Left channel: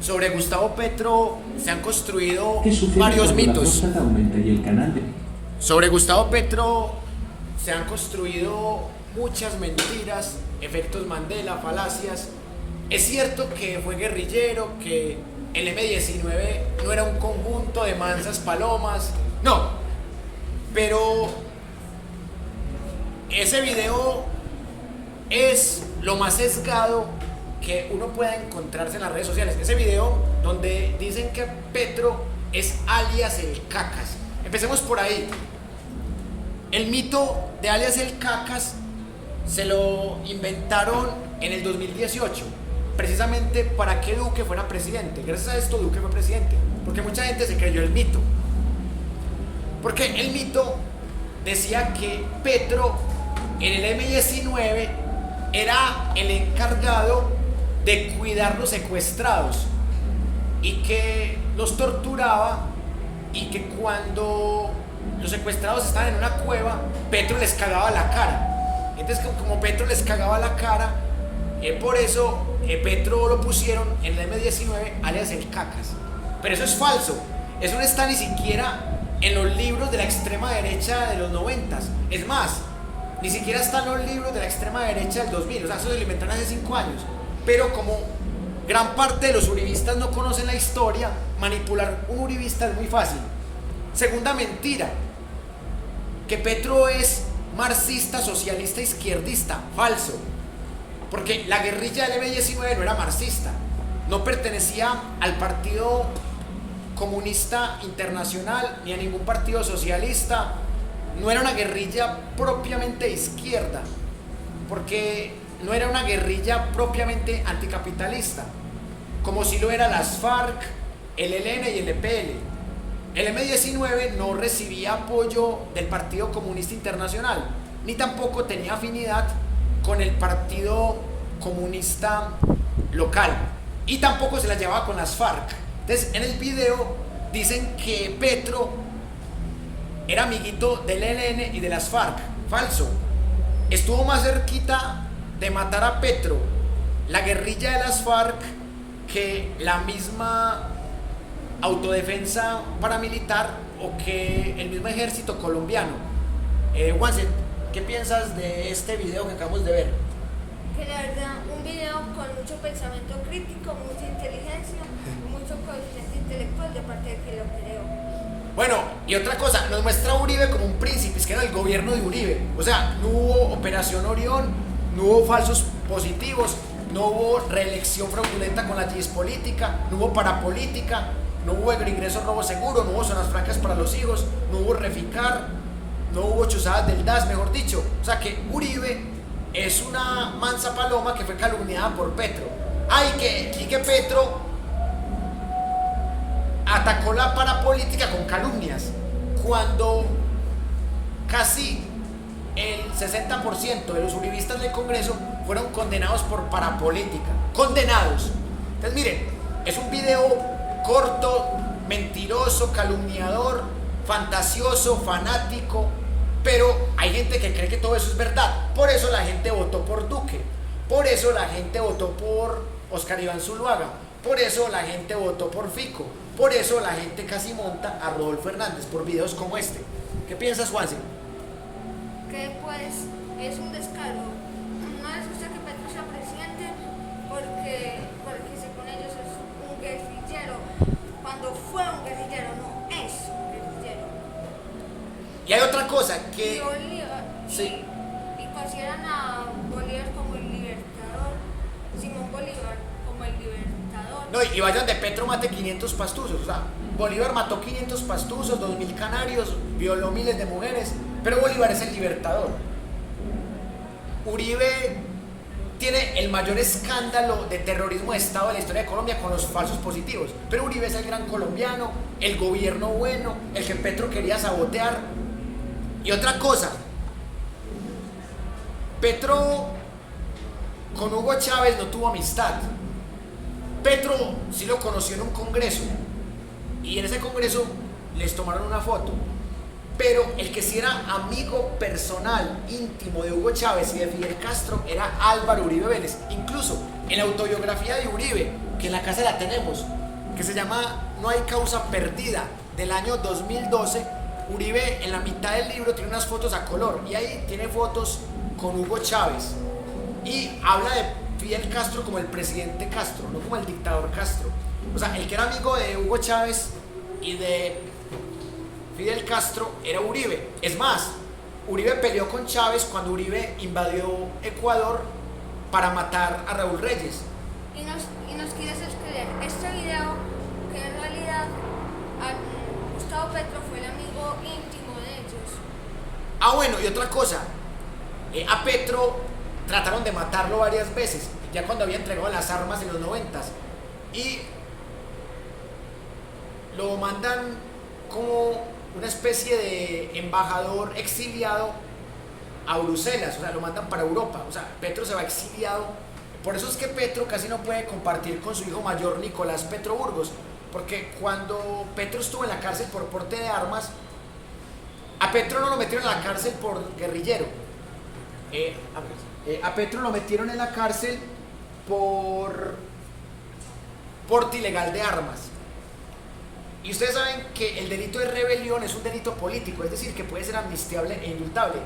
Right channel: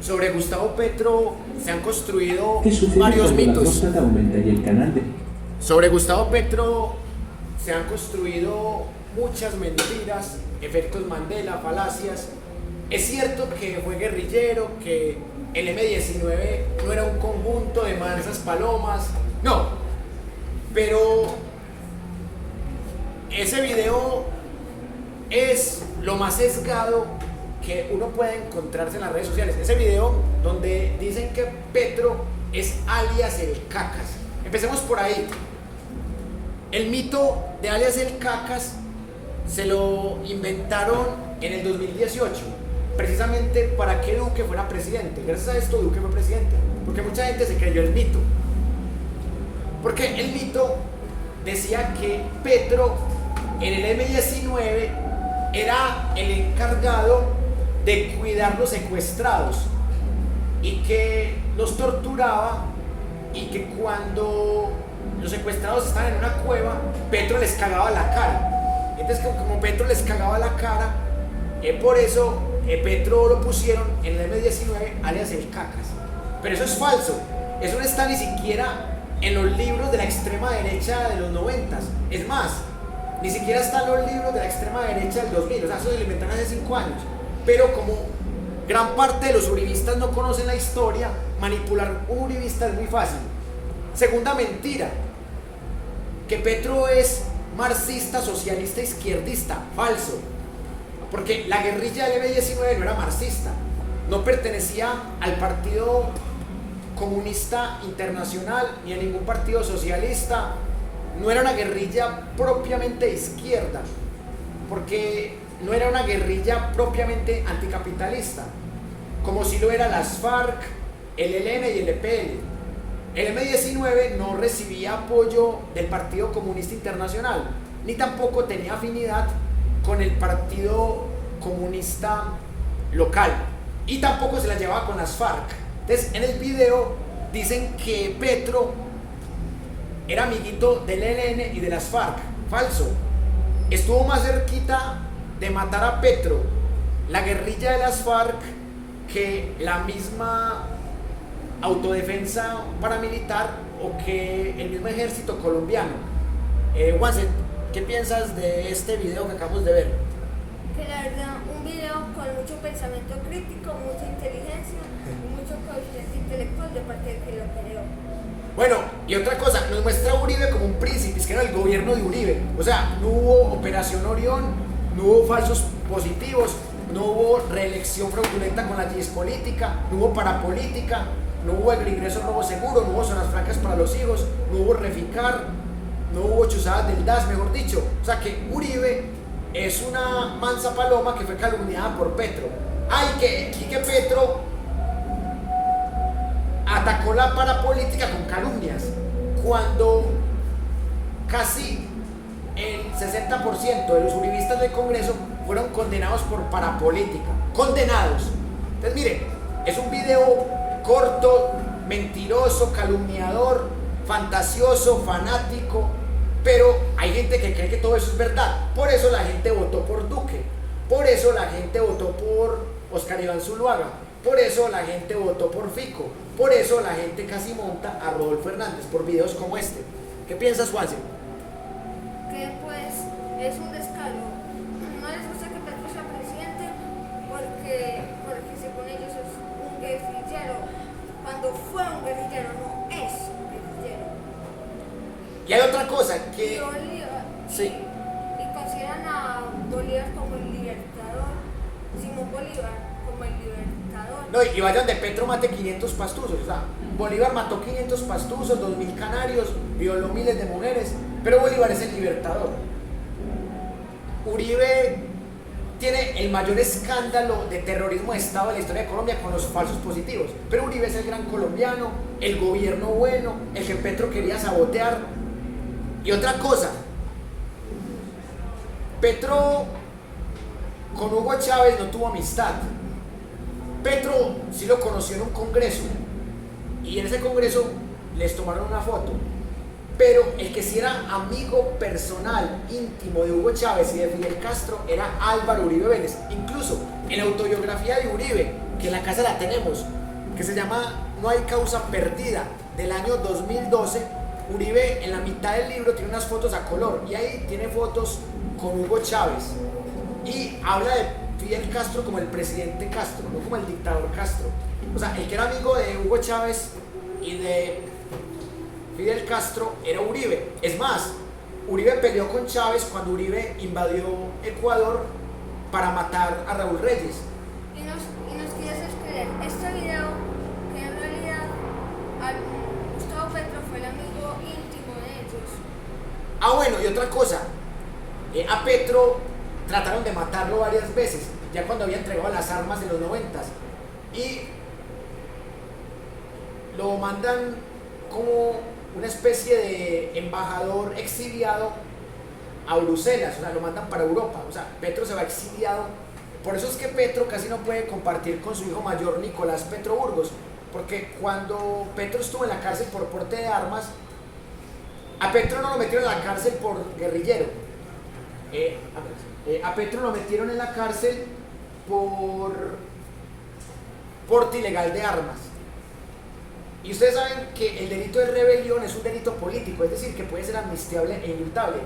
Sobre Gustavo Petro se han construido ¿Qué sucede varios cuando la mitos. próstata aumenta y el canal de... Sobre Gustavo Petro se han construido muchas mentiras, efectos Mandela, falacias. Es cierto que fue guerrillero, que el M-19 no era un conjunto de mansas palomas, no, pero ese video es lo más sesgado que uno pueda encontrarse en las redes sociales. Ese video donde dicen que Petro es alias el Cacas. Empecemos por ahí. El mito de alias el Cacas se lo inventaron en el 2018, precisamente para que Duque fuera presidente. Gracias a esto Duque fue presidente, porque mucha gente se creyó el mito. Porque el mito decía que Petro en el M-19 era el encargado de cuidar los secuestrados y que los torturaba, y que cuando los secuestrados estaban en una cueva, Petro les cagaba la cara. Entonces, como Petro les cagaba la cara, por eso Petro lo pusieron en el M-19 alias el Cacas. Pero eso es falso. Eso no está ni siquiera en los libros de la extrema derecha de los 90. Es más, ni siquiera están los libros de la extrema derecha del 2000. O sea, eso se lo inventaron hace 5 años. Pero como gran parte de los uribistas no conocen la historia, manipular un uribista es muy fácil. Segunda mentira, que Petro es marxista, socialista, izquierdista. Falso. Porque la guerrilla del M-19 no era marxista, no pertenecía al Partido Comunista Internacional ni a ningún partido socialista, no era una guerrilla propiamente de izquierda, porque no era una guerrilla propiamente anticapitalista, como si lo era las FARC, el ELN y el EPL. El M-19 no recibía apoyo del Partido Comunista Internacional, ni tampoco tenía afinidad con el Partido Comunista local, y tampoco se la llevaba con las FARC. Entonces, en el video dicen que Petro era amiguito del ELN y de las FARC. Falso. Estuvo más cerquita de matar a Petro la guerrilla de las FARC que la misma autodefensa paramilitar o que el mismo ejército colombiano. Juanse, ¿qué piensas de este video que acabamos de ver? Que la verdad, un video con mucho pensamiento crítico, mucha inteligencia y mucho coeficiente intelectual de parte de quien lo creó. Bueno, y otra cosa, nos muestra a Uribe como un príncipe, es que era el gobierno de Uribe. O sea, no hubo Operación Orión, no hubo falsos positivos, no hubo reelección fraudulenta con la crisis política, no hubo parapolítica, no hubo ingreso robo seguro, no hubo zonas francas para los hijos, no hubo reficar, no hubo chuzadas del DAS, mejor dicho. O sea que Uribe es una mansa paloma que fue calumniada por Petro. Ay, que Petro atacó la parapolítica con calumnias, cuando casi el 60% de los uribistas del Congreso fueron condenados por parapolítica. Condenados. Entonces miren, es un video corto, mentiroso, calumniador, fantasioso, fanático, pero hay gente que cree que todo eso es verdad. Por eso la gente votó por Duque, por eso la gente votó por Oscar Iván Zuluaga, por eso la gente votó por Fico, por eso la gente casi monta a Rodolfo Hernández por videos como este. ¿Qué piensas, Juanse? Que pues es un descaro. No les gusta que Petro sea presidente porque según ellos es un guerrillero, cuando fue un guerrillero, no es un guerrillero. Y hay otra cosa Y que... Bolívar, Sí. y consideran a Bolívar como el libertador, Simón Bolívar como el libertador. No, y vayan de Petro mate 500 pastusos. O sea, Bolívar mató 500 pastusos, 2000 canarios, violó miles de mujeres, pero Bolívar es el libertador. Uribe tiene el mayor escándalo de terrorismo de Estado de la historia de Colombia con los falsos positivos, pero Uribe es el gran colombiano, el gobierno bueno, el que Petro quería sabotear. Y otra cosa, Petro con Hugo Chávez no tuvo amistad. Petro sí lo conoció en un congreso, y en ese congreso les tomaron una foto, pero el que sí era amigo personal, íntimo de Hugo Chávez y de Fidel Castro era Álvaro Uribe Vélez. Incluso en la autobiografía de Uribe que en la casa la tenemos, que se llama No hay causa perdida, del año 2012. Uribe en la mitad del libro tiene unas fotos a color y ahí tiene fotos con Hugo Chávez y habla de Fidel Castro como el presidente Castro, no como el dictador Castro. O sea, el que era amigo de Hugo Chávez y de Fidel Castro era Uribe. Es más, Uribe peleó con Chávez cuando Uribe invadió Ecuador para matar a Raúl Reyes. Y nos quieres creer este video que en realidad Gustavo Petro fue el amigo íntimo de ellos. Ah, bueno, y otra cosa, a Petro trataron de matarlo varias veces, ya cuando había entregado las armas en los 90 y lo mandan como una especie de embajador exiliado a Bruselas, o sea, lo mandan para Europa, o sea, Petro se va exiliado. Por eso es que Petro casi no puede compartir con su hijo mayor Nicolás Petro Burgos, porque cuando Petro estuvo en la cárcel por porte de armas, a Petro no lo metieron en la cárcel por guerrillero, a Petro lo metieron en la cárcel por porte ilegal de armas. Y ustedes saben que el delito de rebelión es un delito político, es decir, que puede ser amnistiable e indultable.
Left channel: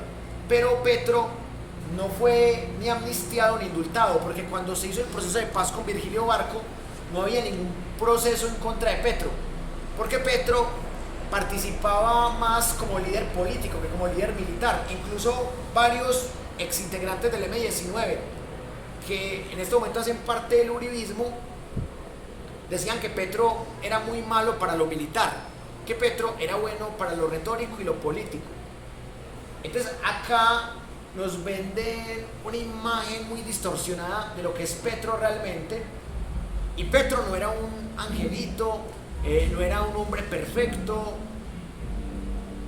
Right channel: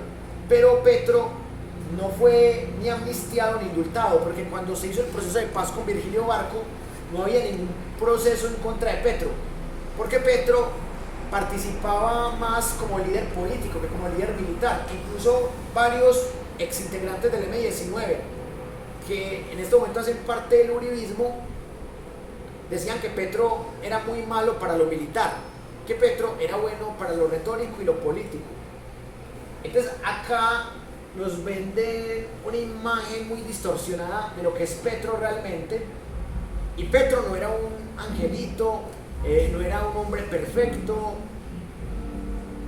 Pero Petro no fue ni amnistiado ni indultado, porque cuando se hizo el proceso de paz con Virgilio Barco, no había ningún proceso en contra de Petro, porque Petro participaba más como líder político que como líder militar. Incluso varios exintegrantes del M-19, que en este momento hacen parte del uribismo, decían que Petro era muy malo para lo militar, que Petro era bueno para lo retórico y lo político. Entonces acá nos venden una imagen muy distorsionada de lo que es Petro realmente, y Petro no era un angelito, no era un hombre perfecto,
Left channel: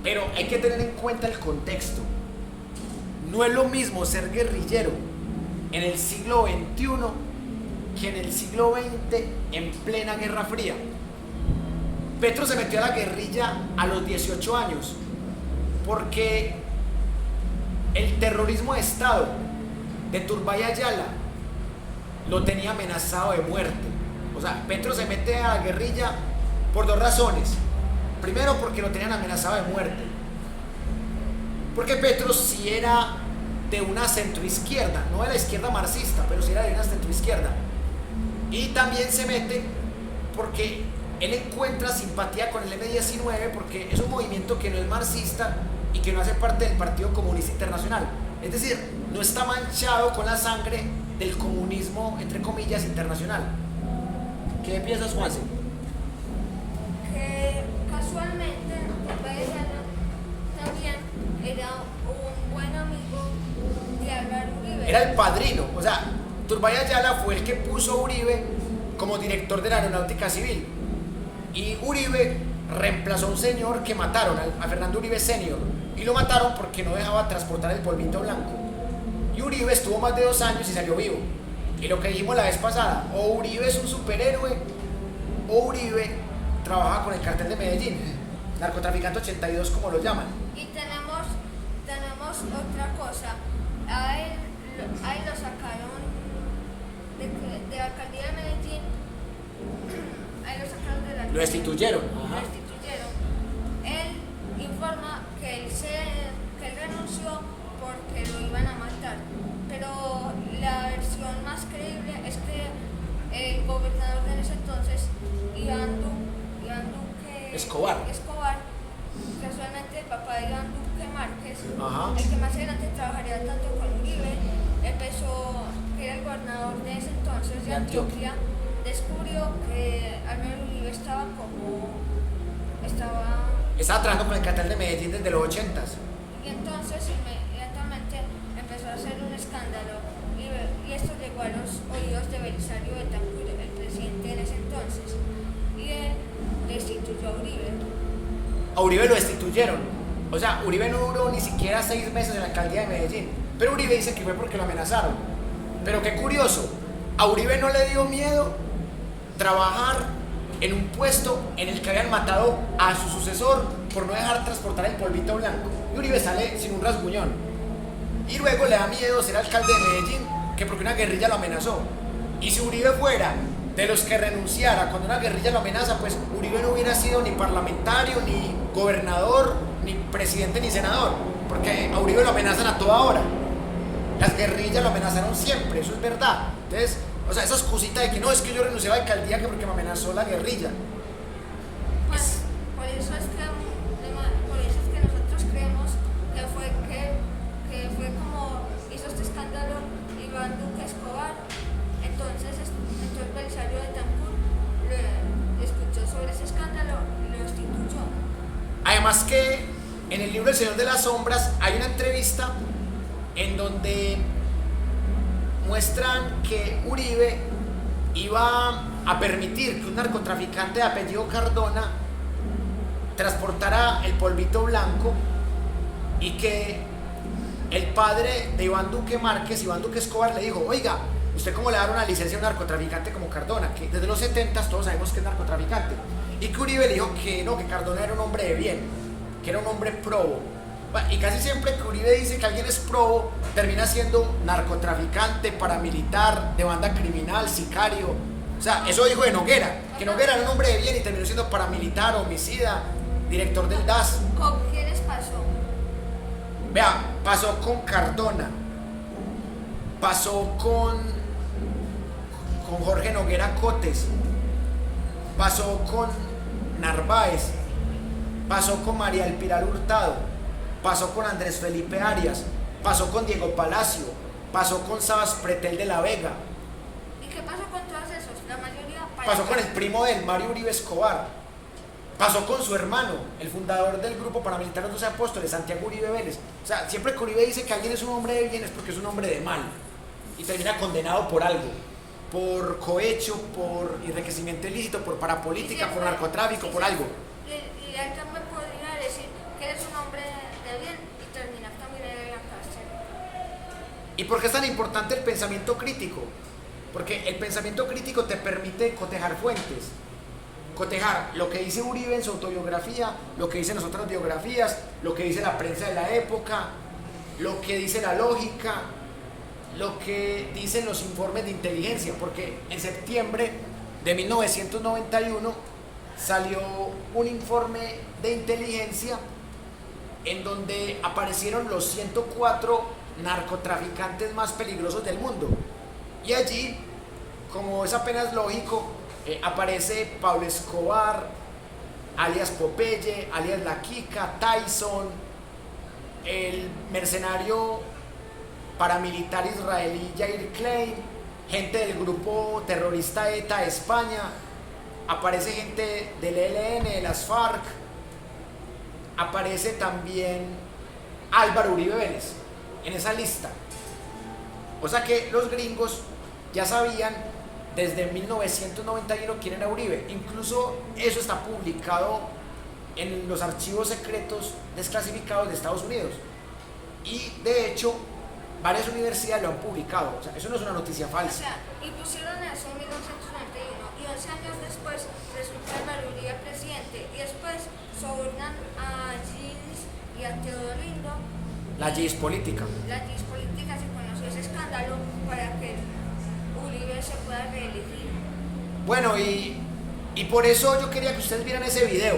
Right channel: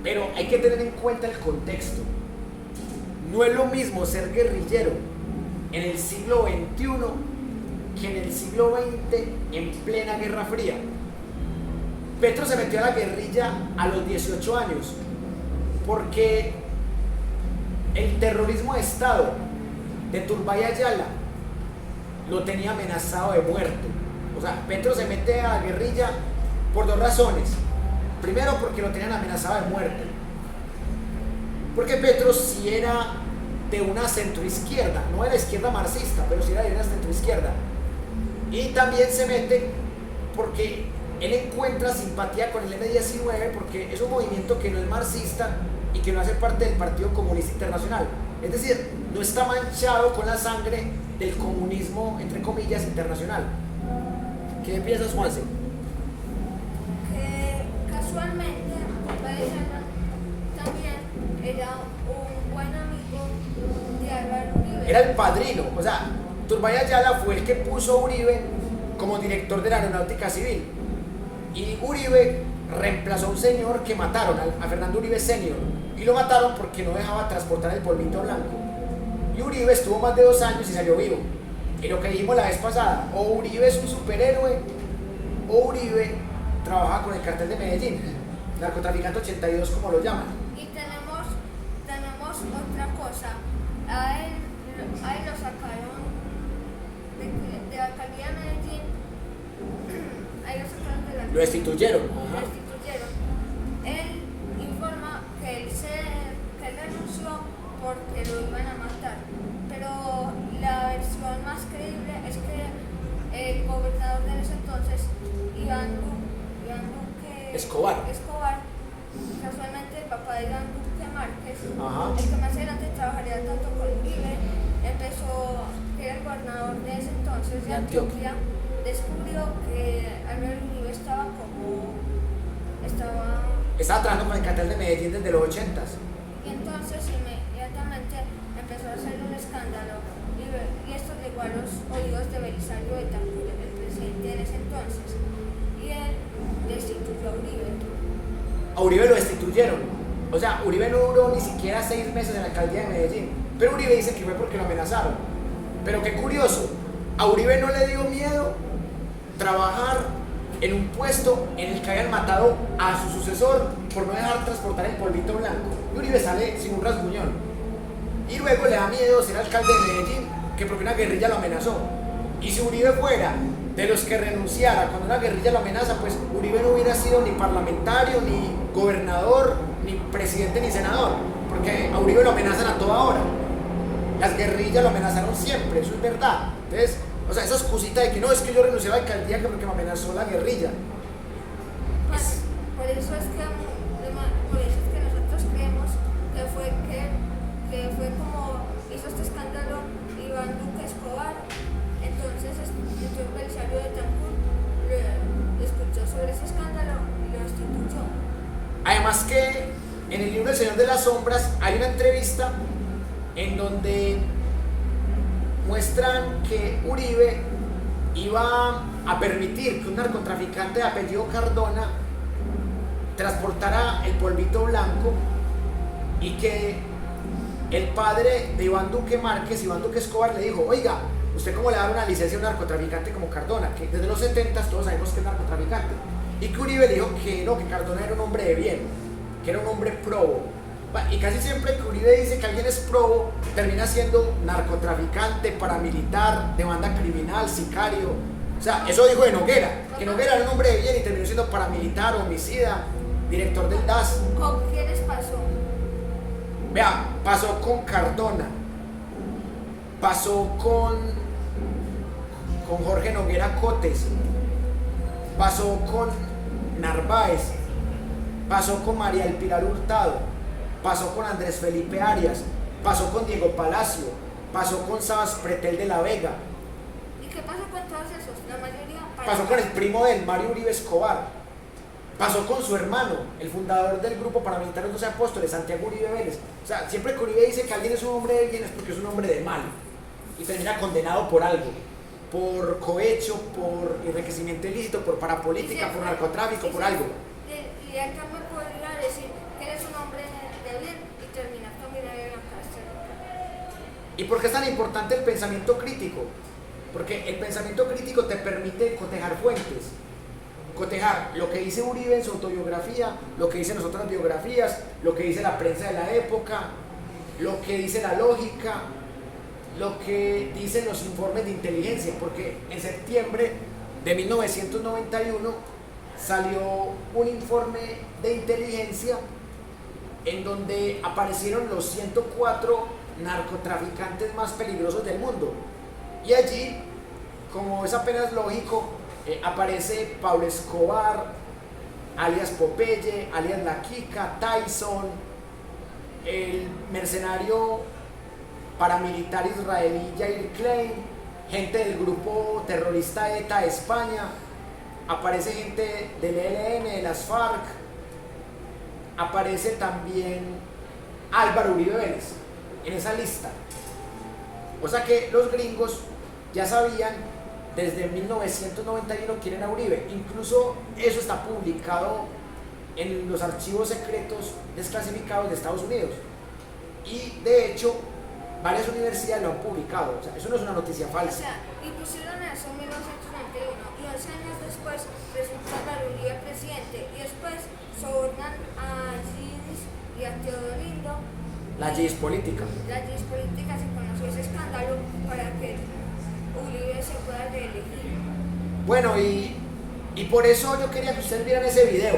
pero hay que tener en cuenta el contexto. No es lo mismo ser guerrillero en el siglo XXI que en el siglo XX en plena Guerra Fría. Petro se metió a la guerrilla a los 18 años porque el terrorismo de Estado de Turbay Ayala lo tenía amenazado de muerte. O sea, Petro se mete a la guerrilla por dos razones. Primero, porque lo tenían amenazado de muerte, porque Petro sí era de una centroizquierda, no de la izquierda marxista, pero sí era de una centroizquierda. Y también se mete porque él encuentra simpatía con el M-19, porque es un movimiento que no es marxista y que no hace parte del Partido Comunista Internacional. Es decir, no está manchado con la sangre del comunismo, entre comillas, internacional. ¿Qué piensas, Juanse? Que casualmente Bayana también era un buen amigo de Álvaro Uribe. Era el padrino, o sea, Turbay Ayala fue el que puso a Uribe como director de la Aeronáutica Civil. Y Uribe reemplazó a un señor que mataron, a Fernando Uribe Senior, y lo mataron porque no dejaba transportar el polvito blanco. Y Uribe estuvo más de 2 años y salió vivo. Y lo que dijimos la vez pasada, o Uribe es un superhéroe, o Uribe trabaja con el cartel de Medellín, narcotraficante 82 como lo llaman. Y tenemos otra cosa. A él lo sacaron de la alcaldía de Medellín. Ahí lo sacaron de la Lo destituyeron. Lo destituyeron. Él informa que él renunció porque lo iban a matar. Pero la versión más creíble es que el gobernador de ese entonces, Iván Duque Escobar, casualmente el papá de Iván Duque Márquez, ajá, el que más adelante trabajaría tanto con Uribe, que era el gobernador de ese entonces de Antioquia, descubrió que Álvaro Uribe estaba trabajando con el cartel de Medellín desde los 80s. y entonces inmediatamente empezó a hacer un escándalo y esto llegó a los oídos de Belisario Betancur, el presidente en ese entonces, y él destituyó a Uribe. A Uribe lo destituyeron. O sea, Uribe no duró ni siquiera 6 meses en la alcaldía de Medellín. Pero Uribe dice que fue porque lo amenazaron. Pero qué curioso, a Uribe no le dio miedo trabajar en un puesto en el que habían matado a su sucesor por no dejar transportar el polvito blanco. Y Uribe sale sin un rasguñón. Y luego le da miedo ser alcalde de Medellín, que porque una guerrilla lo amenazó. Y si Uribe fuera de los que renunciara cuando una guerrilla lo amenaza, pues Uribe no hubiera sido ni parlamentario, ni gobernador, ni presidente, ni senador, porque a Uribe lo amenazan a toda hora. Las guerrillas lo amenazaron siempre, eso es verdad. Entonces, o sea, esa excusita de que no, es que yo renuncié a la alcaldía que porque me amenazó la guerrilla. Pues, por eso es que nosotros creemos que fue como hizo este escándalo Iván Duque Escobar. Entonces Belisario Betancur le escuchó sobre ese escándalo y lo destituyó. Además que en el libro El Señor de las Sombras hay una entrevista en donde muestran que Uribe iba a permitir que un narcotraficante de apellido Cardona transportara el polvito blanco y que el padre de Iván Duque Márquez, Iván Duque Escobar, le dijo: oiga, ¿usted cómo le da una licencia a un narcotraficante como Cardona? Que desde los 70 todos sabemos que es narcotraficante. Y que Uribe le dijo que no, que Cardona era un hombre de bien, que era un hombre probo. Y casi siempre que Uribe dice que alguien es probo, termina siendo narcotraficante, paramilitar, de banda criminal, sicario. O sea, eso dijo de Noguera, que Noguera era un hombre de bien y terminó siendo paramilitar, homicida, director del DAS. ¿Con quiénes pasó? Vea, pasó con Cardona, pasó con Jorge Noguera Cotes, pasó con Narváez, pasó con María El Pilar Hurtado, pasó con Andrés Felipe Arias, pasó con Diego Palacio, pasó con Sabas Pretel de la Vega. ¿Y qué pasó con todos esos? La mayoría pasó con el primo del Mario Uribe Escobar, pasó con su hermano, el fundador del grupo paramilitar Los 12 Apóstoles, Santiago Uribe Vélez. O sea, siempre que Uribe dice que alguien es un hombre de bien es porque es un hombre de mal y termina condenado por algo, por cohecho, por enriquecimiento ilícito, por parapolítica, por narcotráfico, por algo. Y él también podría decir que eres un hombre de bien y terminar también en la cárcel. ¿Y por qué es tan importante el pensamiento crítico? Porque el pensamiento crítico te permite cotejar fuentes, cotejar lo que dice Uribe en su autobiografía, lo que dicen las otras biografías, lo que dice la prensa de la época, lo que dice la lógica, lo que dicen los informes de inteligencia, porque en septiembre de 1991 salió un informe de inteligencia en donde aparecieron los 104 narcotraficantes más peligrosos del mundo. Y allí, como es apenas lógico, aparece Pablo Escobar, alias Popeye, alias La Kika, Tyson, el mercenario paramilitar israelí Yair Klein, gente del grupo terrorista ETA de España, aparece gente del ELN, de las FARC, aparece también Álvaro Uribe Vélez en esa lista. O sea que los gringos ya sabían desde 1991 quién era Uribe. Incluso eso está publicado en los archivos secretos desclasificados de Estados Unidos. Y de hecho, varias universidades lo han publicado. O sea, eso no es una noticia falsa. O sea, y pusieron eso en 1991 y 11 años después resulta Álvaro Uribe presidente y después sobornan a Gis y a Teodolindo. La GIS política. La GIS política se conoció ese escándalo para que Uribe se pueda reelegir. Bueno, y por eso yo quería que ustedes vieran ese video,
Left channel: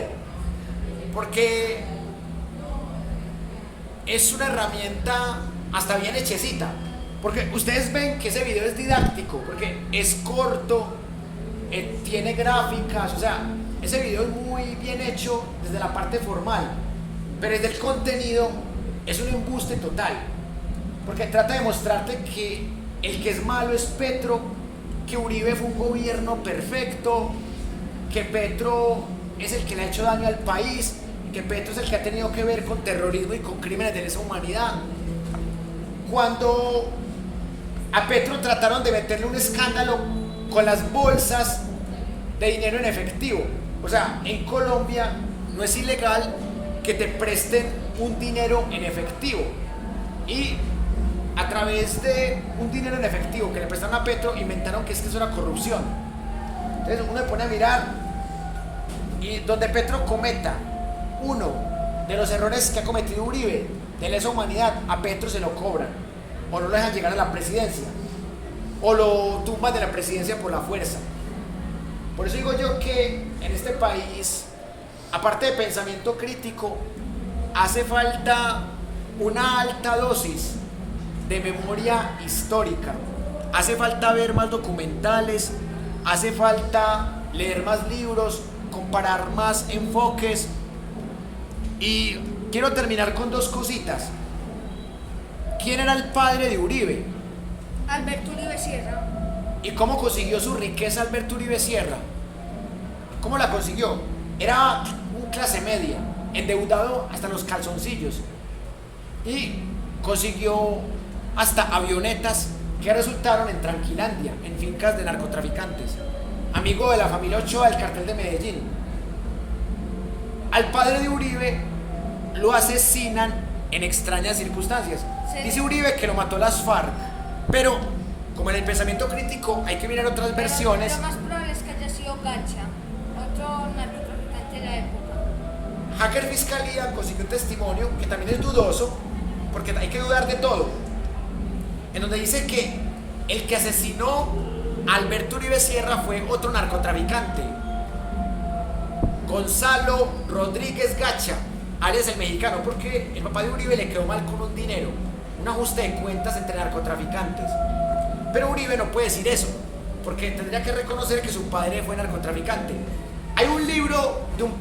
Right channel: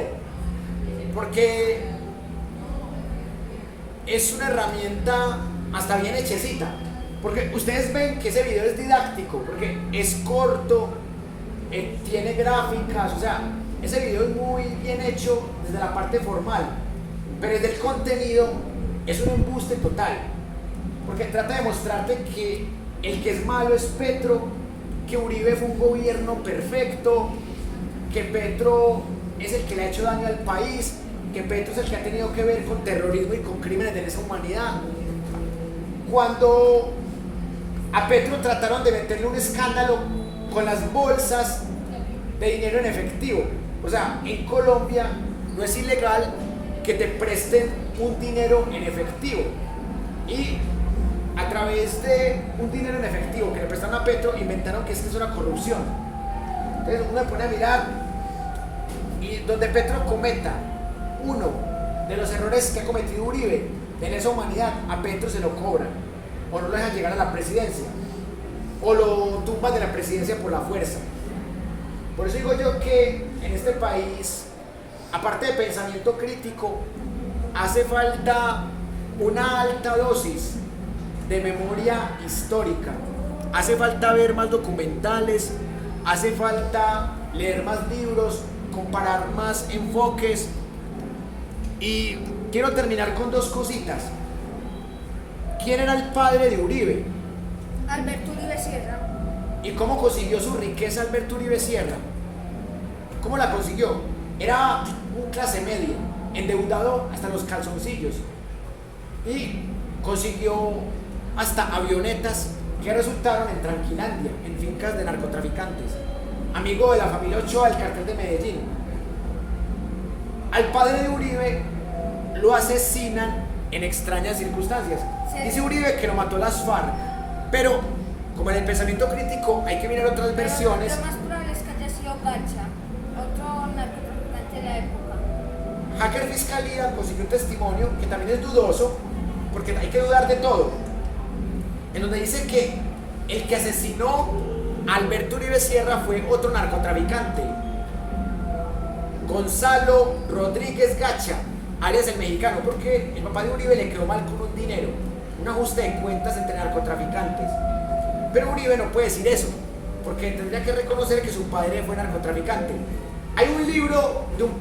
porque es una herramienta hasta bien hechecita, porque ustedes ven que ese video es didáctico, porque es corto, tiene gráficas, o sea, ese video es muy bien hecho desde la parte formal, pero desde el contenido es un embuste total, porque trata de mostrarte que el que es malo es Petro, que Uribe fue un gobierno perfecto, que Petro es el que le ha hecho daño al país, que Petro es el que ha tenido que ver con terrorismo y con crímenes de lesa humanidad. Cuando a Petro trataron de meterle un escándalo con las bolsas de dinero en efectivo. O sea, en Colombia no es ilegal que te presten un dinero en efectivo. Y a través de un dinero en efectivo que le prestaron a Petro, inventaron que esto es una corrupción. Entonces uno se pone a mirar y donde Petro cometa uno de los errores que ha cometido Uribe de lesa humanidad, a Petro se lo cobran o no lo dejan llegar a la presidencia o lo tumban de la presidencia por la fuerza. Por eso digo yo que en este país, aparte de pensamiento crítico, hace falta una alta dosis de memoria histórica. Hace falta ver más documentales, hace falta leer más libros, comparar más enfoques. Y quiero terminar con dos cositas. ¿Quién era el padre de Uribe? Alberto Uribe Sierra. ¿Y cómo consiguió su riqueza Alberto Uribe Sierra? ¿Cómo la consiguió? Era un clase media, endeudado hasta los calzoncillos. Y consiguió hasta avionetas que resultaron en Tranquilandia, en fincas de narcotraficantes. Amigo de la familia Ochoa del cartel de Medellín. Al padre de Uribe lo asesinan en extrañas circunstancias. Sí. Dice Uribe que lo mató las FARC, pero como en el pensamiento crítico hay que mirar otras versiones. Lo más probable es que haya sido Gacha, otro narcotraficante de la época. Hacker Fiscalía consiguió un testimonio que también es dudoso, porque hay que dudar de todo, en donde dice que el que asesinó a Alberto Uribe Sierra fue otro narcotraficante, Gonzalo Rodríguez Gacha, alias el mexicano, porque el papá de Uribe le quedó mal con un dinero, un ajuste de cuentas entre narcotraficantes. Pero Uribe no puede decir eso, porque tendría que reconocer que su padre fue narcotraficante. Hay un libro de un